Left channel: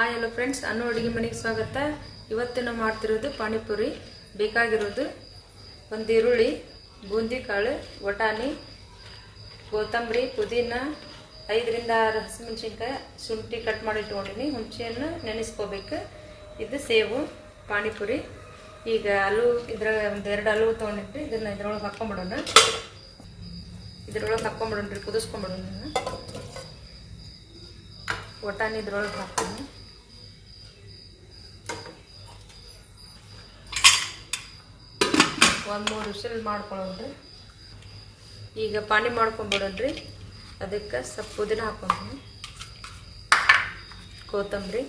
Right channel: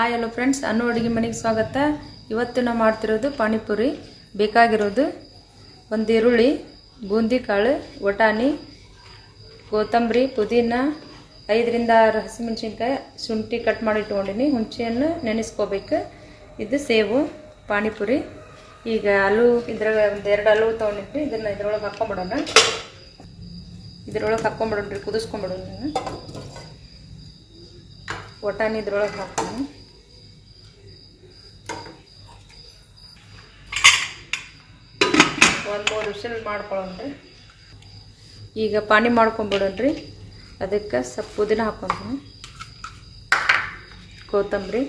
Hi hello friends, ಅನ್ನು ಅಡುಗೆ ಮನೆಗೆ ಸ್ವಾಗತ. ಇವತ್ತು ನಾವು ಮಾಡ್ತಿರೋದು ಪಾನಿಪುರಿ. ಬೇಕಾಗಿರೋದು ಒಂದು ಈರುಳ್ಳಿ, ಬೂಂದಿ ಕಾಳು, ವಟಾಣಿ, ಕೊತ್ತಂಬರಿ, ಪುದೀನ, 5 ರಿಂದ 6 ಹಸಿಮೆಣಸಿನ್ಕಾಯಿ, ಶುಂಠಿ ಕಟ್ ಮಾಡಿ ಇಟ್ಕೊಂಡಿನಿ. ಹುಣಸೆಹಣ್ಣು ನೆನೆಸ್ಕೋಬೇಕು. ಇದು ಸೇವು ಪಾನಿಪುರಿ. ಈಗ ಆಲೂ ಇದ್ರಾಗ ಒಂದು 2 ಆಲೂ ತೊಗೊಂಡಿದ್ರಿ. ಇದನ್ನು ಇದ್ರೊಳಗೆ ಹಾಕ್ಕೊಂಬಿಡೋಣ. ಹಾಕ್ಕೊಂಬಿಡೋಣ್ರಿ, ಕುದಿಸ್ಕೊಂಬಿಡೋಣ. ವಟಾಣಿ ಇದ್ರೊಳಗೆ ಹಾಕ್ತೀನಿ. ಒಂದು 3 ವಿಷಲ್ ಮಾಡ್ಕೊಳ್ಳೋಣ್ರಿ. ಈಗ ಪಾನಿ ಮಾಡ್ಕೊಂಬಿಡೋಣ್ರಿ. ಅದಕ್ಕೆ ಸ್ವಲ್ಪ ಪುದೀನ ಹಾಕ್ಕೊಂತೀನಿ, ಕೊತ್ತಂಬರಿ,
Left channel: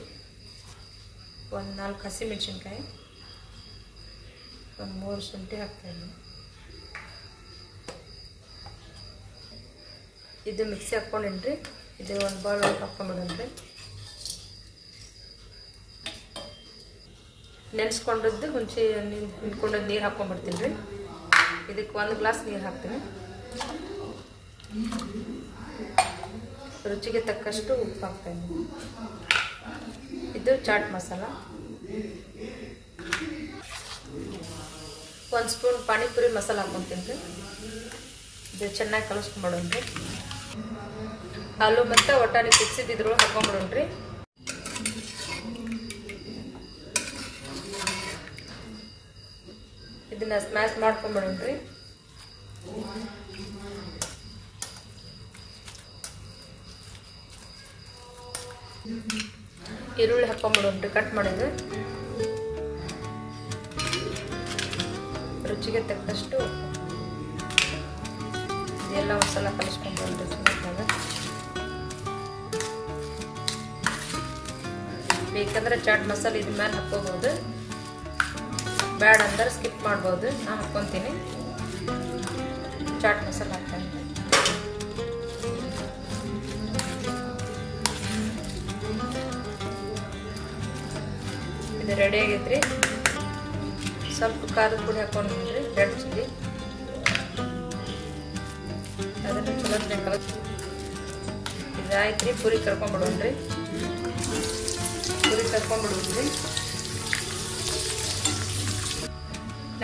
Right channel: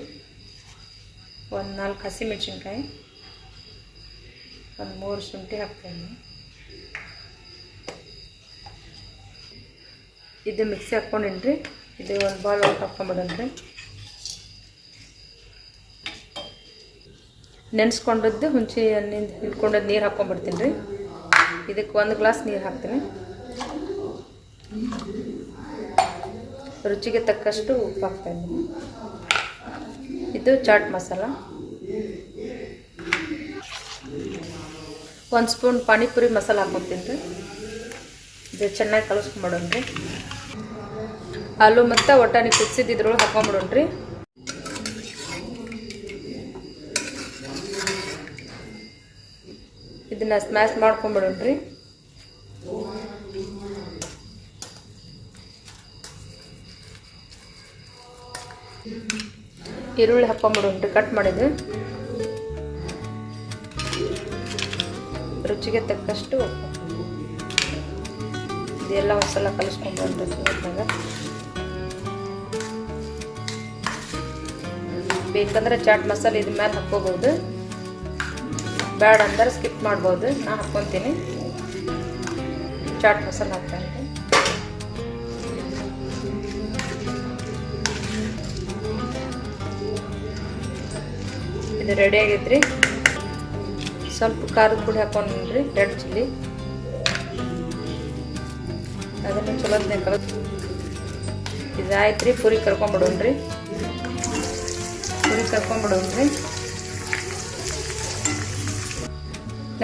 ಒಂದು 4 ಹಸಿಮೆಣಸಿನ್ಕಾಯಿ, ಒಂದು 3 ಶುಂಠಿ ಹಾಕ್ತೀನಿ. ಇದು ಮಿಕ್ಸಿ ಹಾಕ್ಕೊಂಡಿನ್ರಿ. ಇದು ಒಂದು ಬಾಲ್ ಒಳಗೆ ಹಾಕ್ಕೊಂಬಿಡೋಣ್ರಿ. ನೆನೆಸ್ಕೊಂಡದ್ದು ಹುಣಸೆ ಹಿಂಡ್ಕೊಂಡದ್ದು ನೀರು ಹಾಕ್ಕೊಂಡ್ಬಿಡ್ತೀನಿ ರೀ. ಇದಕ್ಕೆ 1 ಗ್ಲಾಸ್ ನೀರು ಹಾಕ್ತೀನಿ. ರುಚಿಗೆ ತಕ್ಕಷ್ಟು ಉಪ್ಪು ಹಾಕ್ತಾಯಿದ್ದೀನಿ. ಇದು ಚಾಟ್ ಮಸಾಲ. 1 ಸ್ಪೂನ್ ಪಾನಿಪುರಿ ಮಸಾಲ ಹಾಕ್ಕೊತೀನಿ ರೀ. ಇದು ಚೆನ್ನಾಗಿ ಕಲಿಸ್ಕೊಂಬಿಡೋಣ್ರಿ. ಆಲೂ ಮತ್ತು ವಟಾಣಿ ಕುದಿಸಿದ್ದು ಇದ್ರೊಳಗೆ ಹಾಕ್ಕೊಂಬಿಡೋಣ್ರಿ. ಇದನ್ನು ಸ್ಮ್ಯಾಶ್ ಮಾಡ್ಕೊಂಬಿಡೋಣ್ರಿ. ಈರುಳ್ಳಿ ಹಾಕ್ಕೊಂಬಿಡೋಣ್ರಿ, ಕಟ್ ಮಾಡಿದ್ರೆ. ರುಚಿಗೆ ತಕ್ಕಷ್ಟು ಇದೆಲ್ಲ ಒಂದ್ಸಲ ಕಲಿಸ್ಕೊಂಡ್ಬಂದು ಬೇಕಂದ್ರೆ ಚಾಟ್ ಮಸಾಲೆ ಇದ್ರ ಮೇಲೆ ಹಾಕ್ಕೋಬೋದು. ಬೇಡ ಅಂದ್ರೆ ಸ್ಕಿಪ್ ಮಾಡ್ಬೋದು. ನಾನು ಹಾಕ್ಕೊತೀನಿ. ಚಾಟ್ ಮಸಾಲೆ ಹಾಕ್ತೀನಿ. ಇದು ರೆಡಿ ಆಗೈತ್ರಿ. ಸ್ವಲ್ಪ ಖಾರದ ಪುಡಿ ಹಾಕೊಂಡ್ರಿ, ರೆಡ್ ಚಿಲ್ಲಿ. ಅದನ್ನು ಚಲೋ ಕಲಿಸಿ. ಇದಾಯ್ತು ರೀ. ಪುರಿ ಕರ್ಕೊಂಬಿಡೋಣ್ರಿ.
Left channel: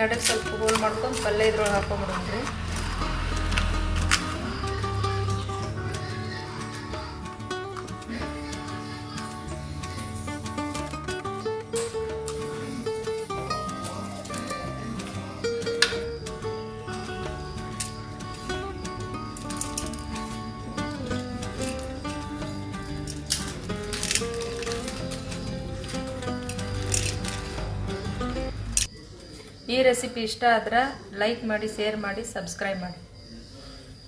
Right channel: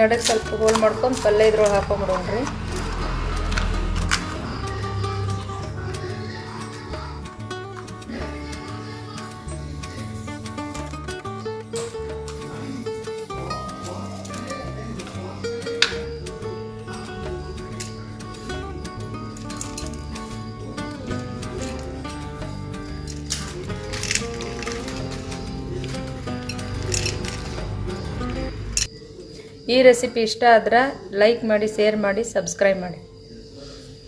ನಡಕ್ಕೆ ಸ್ವಲ್ಪ ಹೋಲ್ ಮಾಡ್ಕೊಂಡು ಪಲ್ಯ ಇದ್ರೊಳಗೆ ಹಾಕೊಂಬಿಡೋಣ್ರಿ. ಈ ರೆಸಿಪಿ ಇಷ್ಟ ಆದ್ರೆ ಲೈಕ್ ಮಾಡಿ, ಶೇರ್ ಮಾಡಿ, ಸಬ್ಸ್ಕ್ರೈಬ್ ಮಾಡಿ.